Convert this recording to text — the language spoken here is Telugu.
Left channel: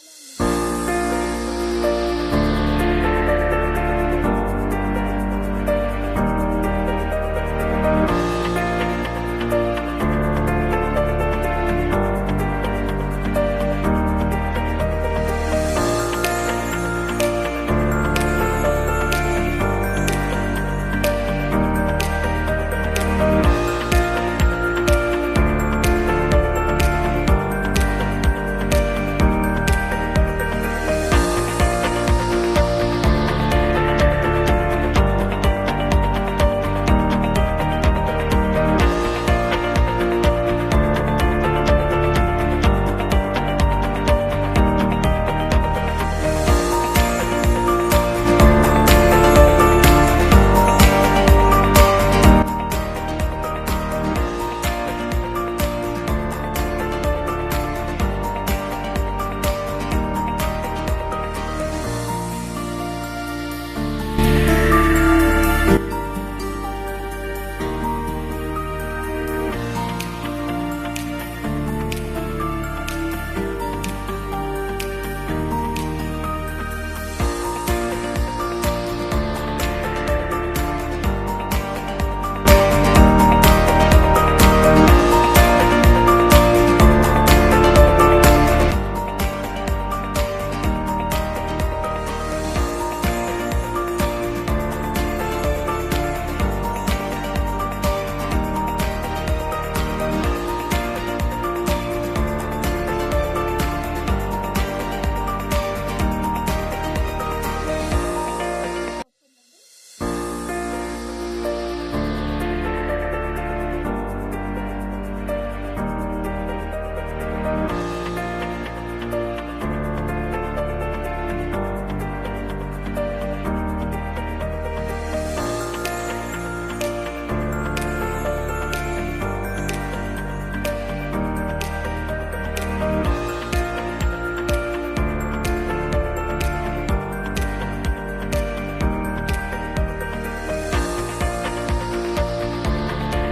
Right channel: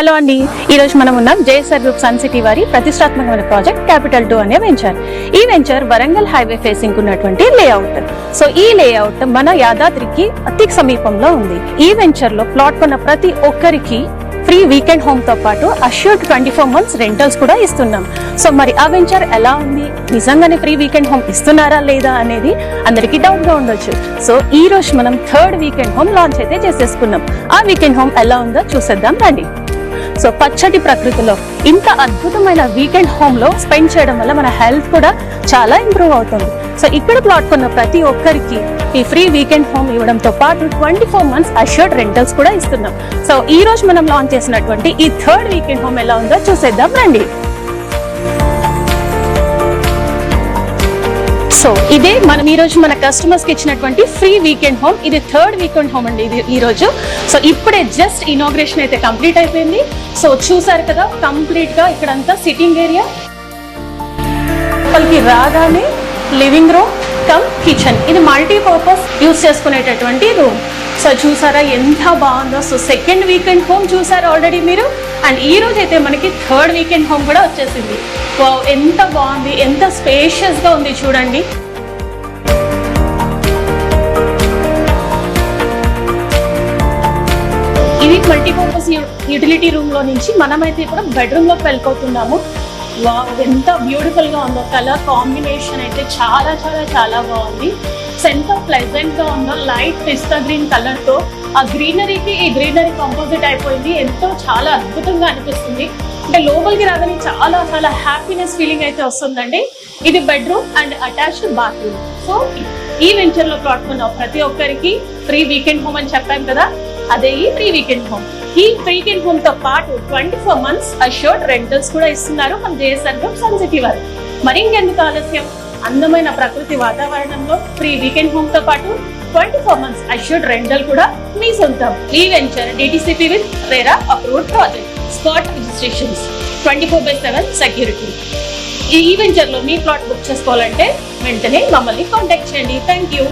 హలో అండి, ఈరోజు మనం ఉన్నాం జేఎస్ఆర్ గ్రూప్ సన్ సిటీ వారి ప్రతిష్టాత్మకమైన ప్రాజెక్ట్ క్యాపిటల్ 2 అనే వెంచర్. ఈ వెంచర్ వరంగల్ హైవే ఫేసింగ్ ఉన్నటువంటి లేఅవుట్. సో ఈ లేఅవుట్ మన యాదాద్రికి అతి సమీపంలో ఉంది. ఈ వెంచర్ లో ప్లాట్ కొన్న ప్రతి ఒక్కరికి ఫ్రీ వీకెండ్ హోమ్ తో పాటు అష్యూర్డ్ 24 months రెంటల్స్ కూడా ఇస్తున్నాం. సో మరి ఆ వెంచర్ ఎలా ఉంది, నిజంగానే ఫ్రీ వీకెండ్ హోమ్ ఇస్తున్నారా లేదా అనేది అందరికీ డౌట్ గా ఉండొచ్చు. సో ఈ రోజు మనం 3rd వీకెండ్ హోమ్ లాంచ్ అయితే చేసేసుకున్నాం. ఆ వీకెండ్ హోమ్ ఎలా ఉందో చూసేద్దాం రండి. సో పచ్చటి ప్రకృతిలో ఇంత అద్భుతమైన వీకెండ్ హోమ్ లో స్పెండ్ చేయడం వల్ల మన హెల్త్ కూడా చాలా ఇంప్రూవ్ అవుతుంది. సో ఇక్కడ ప్లాట్ కొన్న ప్రతి ఒక్కరికి ఈ ఫ్రీ వీకెండ్ హోమ్ ఇవ్వడంతో పాటు 24 months అష్యూర్డ్ రెంటల్స్ కూడా ఇస్తున్నాం. సో ఈ రోజు మనం లాంచ్ చేసినటువంటి ఈ 3rd వీకెండ్ హోమ్ ఎలా ఉందో చూసేద్దాం రండి. సో ఇదే మనం ఈ రోజు మన కస్టమర్స్ కి ఇచ్చినటువంటి ఫ్రీ వీకెండ్ హోమ్. ఇది 3rd వీకెండ్ హోమ్ అండి ఇది ఈ రోజు. సో ఇప్పుడే జస్ట్ ఇనాగ్రేషన్ అయితే కంప్లీట్ అయిపోయింది. సో చూసారు కదా, కంప్లీట్ గా ఇక్కడంతా సిట్టింగ్ ఏరియా, వాళ్ళకి రాగానే లివింగ్ రూమ్ కమ్ కిచెన్. ఇది మల్టీపర్పస్ యూజ్ చేసుకునేటటువంటి రూమ్. సో చూసారా ఎంత బాగుందో. సో 2nd వీకెండ్ హోమ్ చూసారా ఆల్రెడీ మీరు, అండ్ ఈ రోజు అయితే మనకి 3rd వీకెండ్ హోమ్ కూడా వచ్చేసింది. ఎంత బాగుంది, ఎంత స్పేషియస్ గా ఉంది చూడండి. ఇది మల్టీపర్పస్ యూటిలిటీ రూమ్ లో నుంచి మనమైతే ఇప్పుడు బెడ్రూమ్ లోకి వెళ్ళిపోతున్నాము. ఎంత బ్యూటిఫుల్ గా ఉందో, కలర్ కాంబినేషన్ అయితే చాలా చాలా చాలా బాగుంది. ఎంత ప్లెజెంట్ గా ఉందో, లైట్ పిస్తా గ్రీన్ కలర్ తో ఆ గ్రీనరీకి ఈ గ్రీనరీ కంపోజిట్ అయిపోయింది. ఎంతో చాలా అద్భుతంగా అనిపిస్తుంది. అంటే లోపలికి రాగానే చాలా చాలా హ్యాపీనెస్ ఫీలింగ్ అయితే వస్తుందండి. ఇది bedroom and attached bathroom. So ఈ వెంచర్ లో ప్లాట్ కొన్న ప్రతి ఒక్కరికి ఫ్రీ వీకెండ్ హోమ్ అని చెప్పాం కదా, అదే ఈ ఫ్రీ వీకెండ్ హోమ్. ఈ వీకెండ్ హోమ్ తో పాటు 24 months అష్యూర్డ్ రెంటల్స్ కూడా ఇస్తున్నారు మన జేఎస్ఆర్ గ్రూప్ సన్ సిటీ వారు. మరి ఇంకెందుకు ఆలస్యం, అందమైన ప్రకృతి వాతావరణంలో ఫ్రీ వీకెండ్ హోమ్ తో పాటు 24 months అష్యూర్డ్ రెంటల్ కూడా మీ సొంతం. ఈ venture DTCP with RERA approved project, spot registrations, 24/7 security. ఈ వెంచర్ లో మీ ప్లాట్ బుక్ చేసుకోవాలంటే వెంటనే మమ్మల్ని కాంటాక్ట్ చేయండి. Thank you.